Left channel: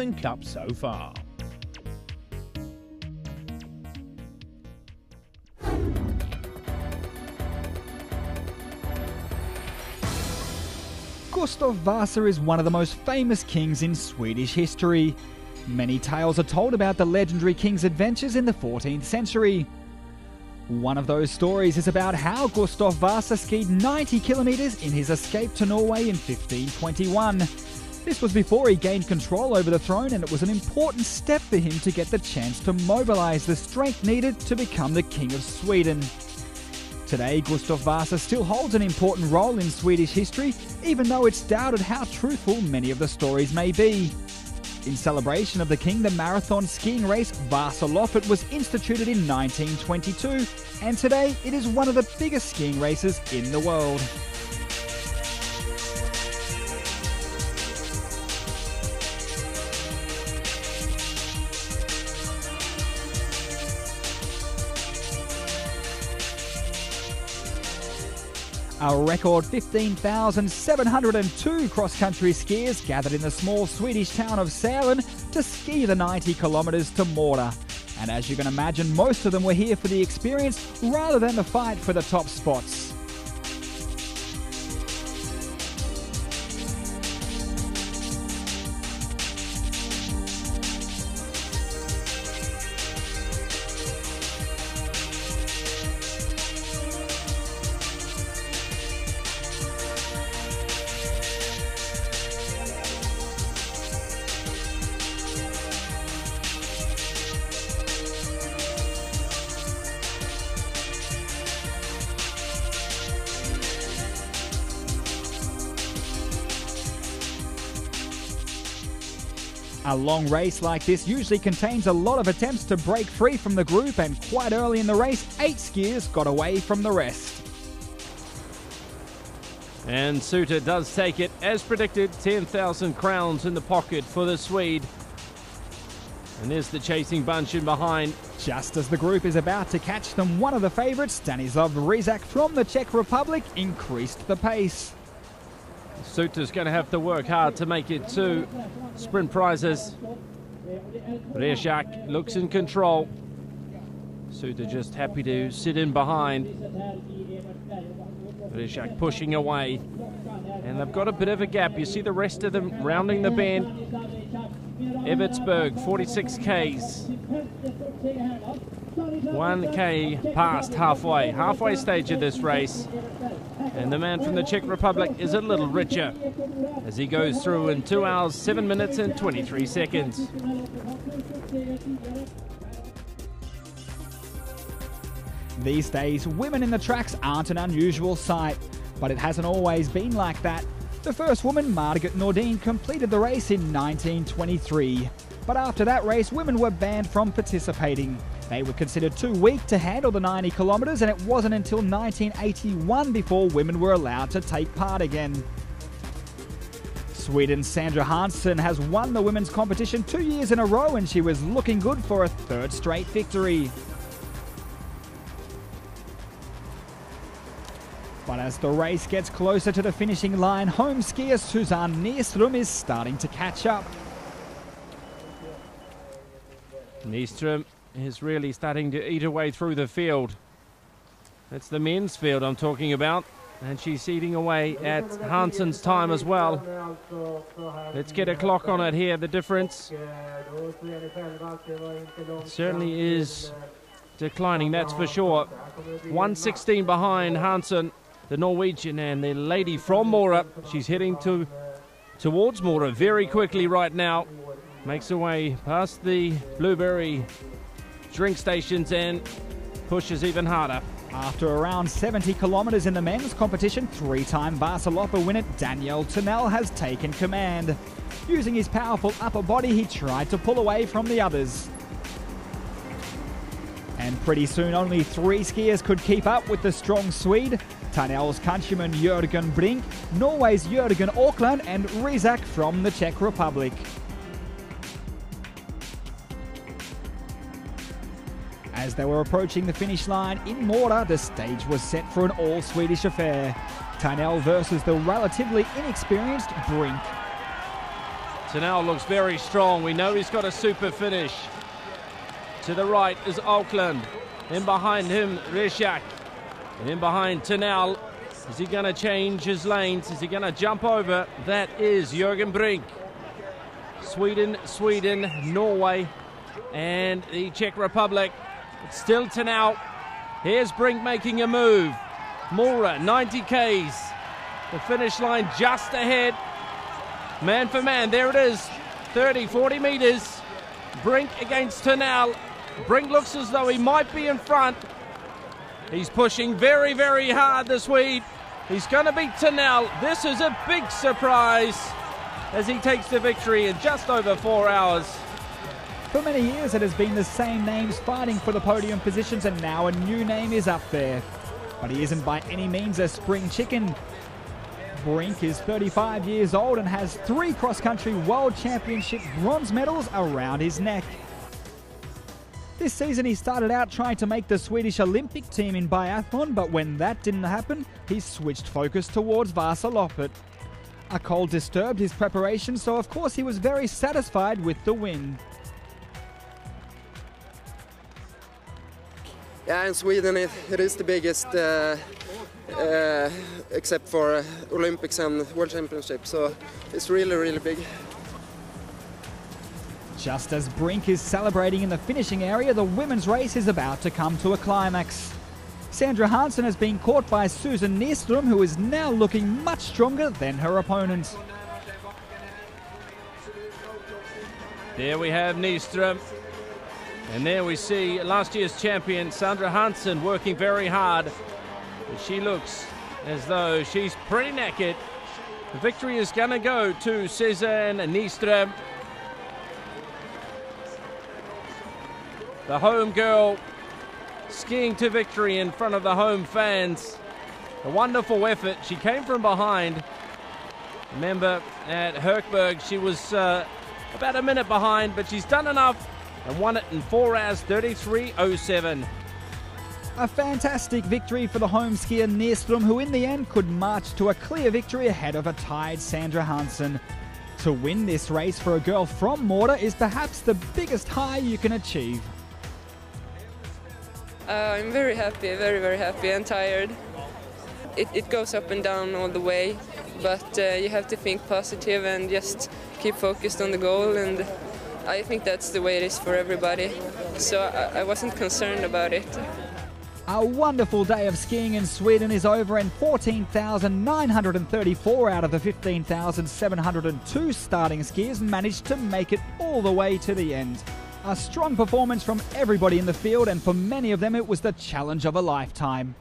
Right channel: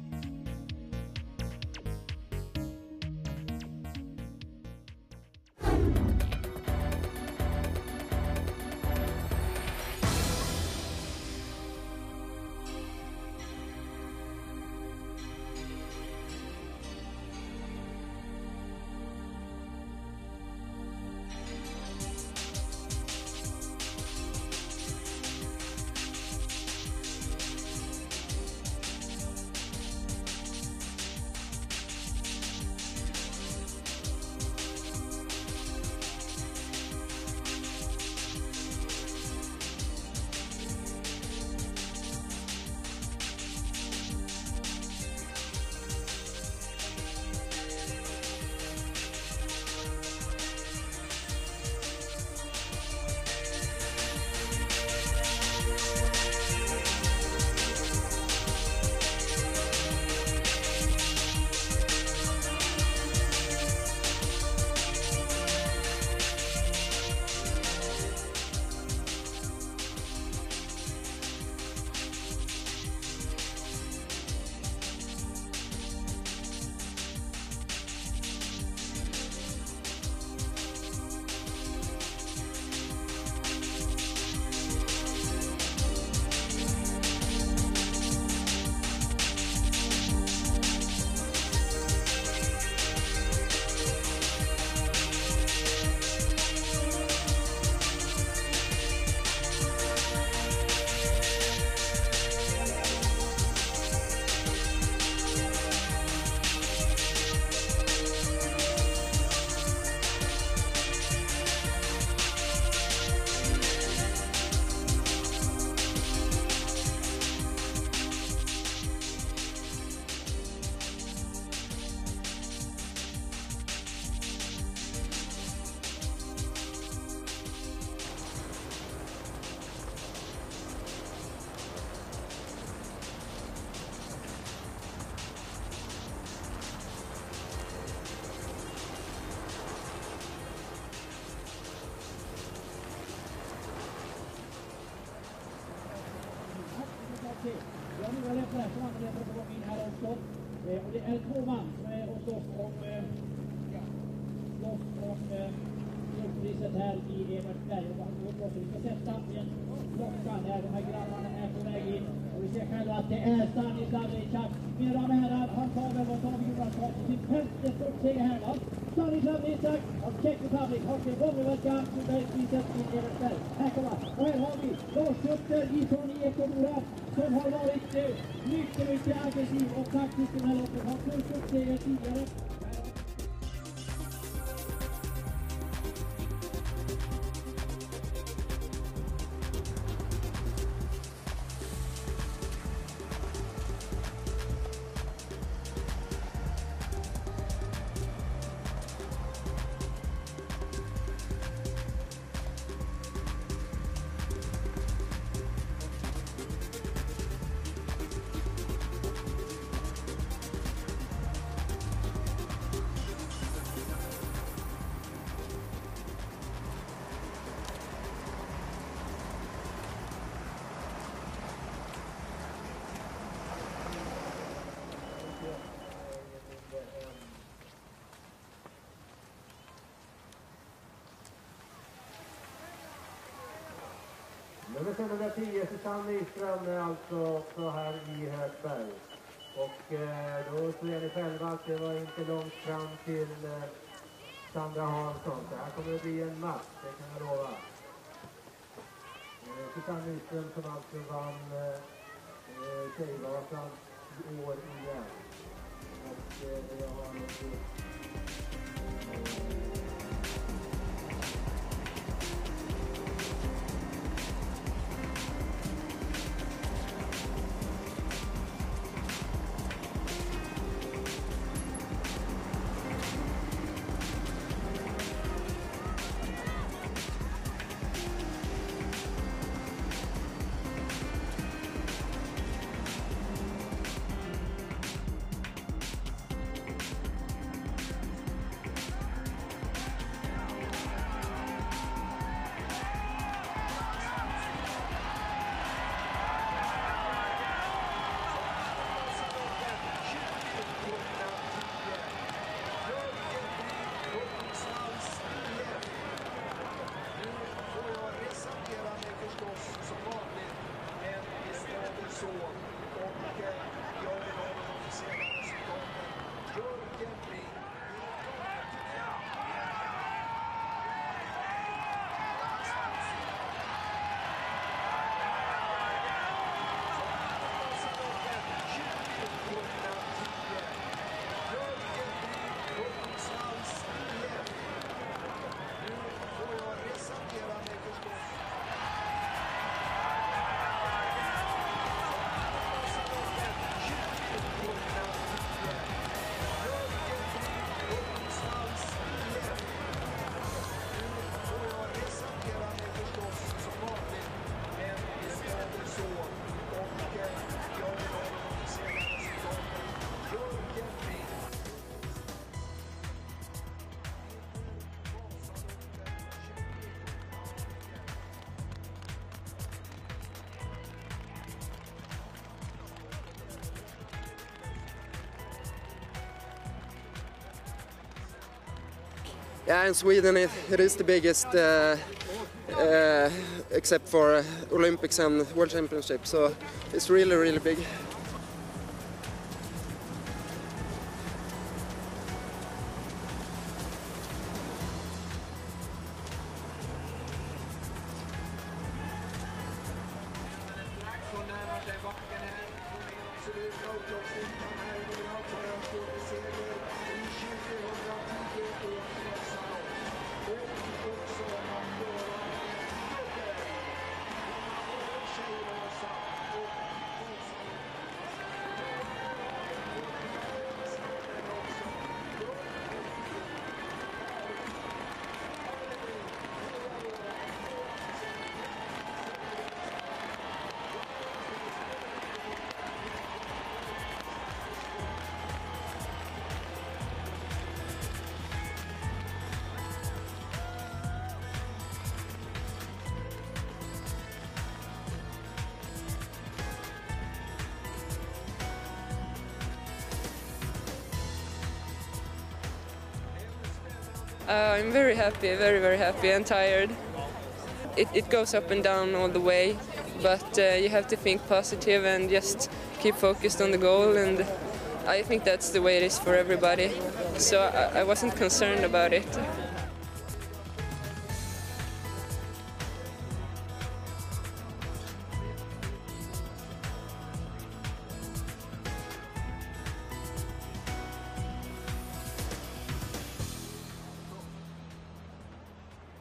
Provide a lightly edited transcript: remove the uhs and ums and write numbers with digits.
Southern Cup so far. Gustav Vasa is one of the most famous kings in Swedish history. Many tales are told about the legendary king's adventures in the 14th century. One of those stories is about how Gustav Vasa skied 90 kilometres in his escape to Norway in 1521. This was before he gained control over the throne, and it was an important step for him to get the chance to mobilise the strength needed to become the King of Sweden. Today, Gustav Vasa still holds an important role in Swedish history, even though it's doubted how truthful many of the stories may be. In celebration of the king, the marathon skiing race Vasaloppet was instituted in 1922, and today it is one of the biggest skiing races in the world. A record 15,702 cross-country skiers gathered in the small Swedish town of Sälen to ski the 90 kilometres to Mora. And as you can imagine, most of them were here for the experience rather than the fight for the top spots. A long race like this usually contains a lot of attempts to break free from the group, and quite early in the race, 8 skiers got away from the rest. And Suter does take it, as predicted, 10,000 crowns in the pocket for the Swede. And there's the chasing bunch in behind. Just as the group is about to catch them, one of the favourites, Stanislav Rizak from the Czech Republic, increased the pace. Suter's going to have to work hard to make it to sprint prizes. Rizak looks in control. Suter just happy to sit in behind. Rizak pushing away. And they've got a bit of a gap. You see the rest of them rounding the bend. Evertsberg, 46 Ks. 1K past halfway stage of this race. And the man from the Czech Republic is a little richer as he goes through in 2 hours, 7 minutes and 23 seconds. These days, women in the tracks aren't an unusual sight, but it hasn't always been like that. The first woman, Margaret Nordin, completed the race in 1923. But after that race, women were banned from participating. They were considered too weak to handle the 90 kilometres, and it wasn't until 1981 before women were allowed to take part again. Sweden's Sandra Hansson has won the women's competition 2 years in a row, and she was looking good for a 3rd straight victory. But as the race gets closer to the finishing line, home skier Susanne Nyström is starting to catch up. Nyström is really starting to eat her way through the field. It's the men's field I'm talking about, and she's eating away at Hansson's time as well. Let's get a clock on it here. The difference certainly is declining, that's for sure. 1:16 behind Hansson, the Norwegian, and the lady from Mora. She's heading towards Mora very quickly right now. Makes her way past the Blueberry drink stations and pushes even harder. After around 70 kilometres in the men's competition, 3-time Vasaloppet winner Daniel Tunnell has taken command. Using his powerful upper body, he tried to pull away from the others. And pretty soon, only 3 skiers could keep up with the strong Swede. Tunnell's countryman Jørgen Brink, Norway's Jørgen Auckland, and Rizak from the Czech Republic. As they were approaching the finish line in Mora, the stage was set for an all-Swedish affair. Tunnell versus the relatively inexperienced Brink. Tenau looks very strong. We know he's got a super finish. To the right is Auckland. In behind him, Reshak. In behind Tenau. Is he going to change his lanes? Is he going to jump over? That is Jürgen Brink. Sweden, Norway, and the Czech Republic. Still Tenau. Here's Brink making a move. Mora, 90 Ks. The finish line just ahead. Man for man, there it is. 30, 40 meters. Brink against Tenau. Brink looks as though he might be in front. He's pushing very, very hard, the Swede. He's going to beat Tenau. This is a big surprise as he takes the victory in just over 4 hours. For many years it has been the same names fighting for the podium positions, and now a new name is up there. But he isn't by any means a spring chicken. Brink is 35 years old and has 3 cross-country World Championship bronze medals around his neck. This season he started out trying to make the Swedish Olympic team in biathlon, but when that didn't happen, he switched focus towards Vasaloppet. A cold disturbed his preparation, so of course he was very satisfied with the win. Yeah, in Sweden it is the biggest, except for Olympics and World Championships, so it's really, really big. Just as Brink is celebrating in the finishing area, the women's race is about to come to a climax. Sandra Hansson has been caught by Susan Nyström, who is now looking much stronger than her opponent. There we have Nyström. And there we see last year's champion, Sandra Hansson, working very hard. She looks as though she's pretty knackered. The victory is going to go to Susan Nyström. The home girl skiing to victory in front of the home fans. A wonderful effort. She came from behind. Remember, at Herkberg, she was about a minute behind, but she's done enough and won it in 4 hours 33.07. A fantastic victory for the home skier Nyström, who in the end could march to a clear victory ahead of a tied Sandra Hansson. To win this race for a girl from Mora is perhaps the biggest high you can achieve. I'm very happy, very, very happy and tired. It goes up and down all the way, but you have to think positive and just keep focused on the goal, and I think that's the way it is for everybody, so I wasn't concerned about it. A wonderful day of skiing in Sweden is over, and 14,934 out of the 15,702 starting skiers managed to make it all the way to the end. A strong performance from everybody in the field, and for many of them it was the challenge of a lifetime.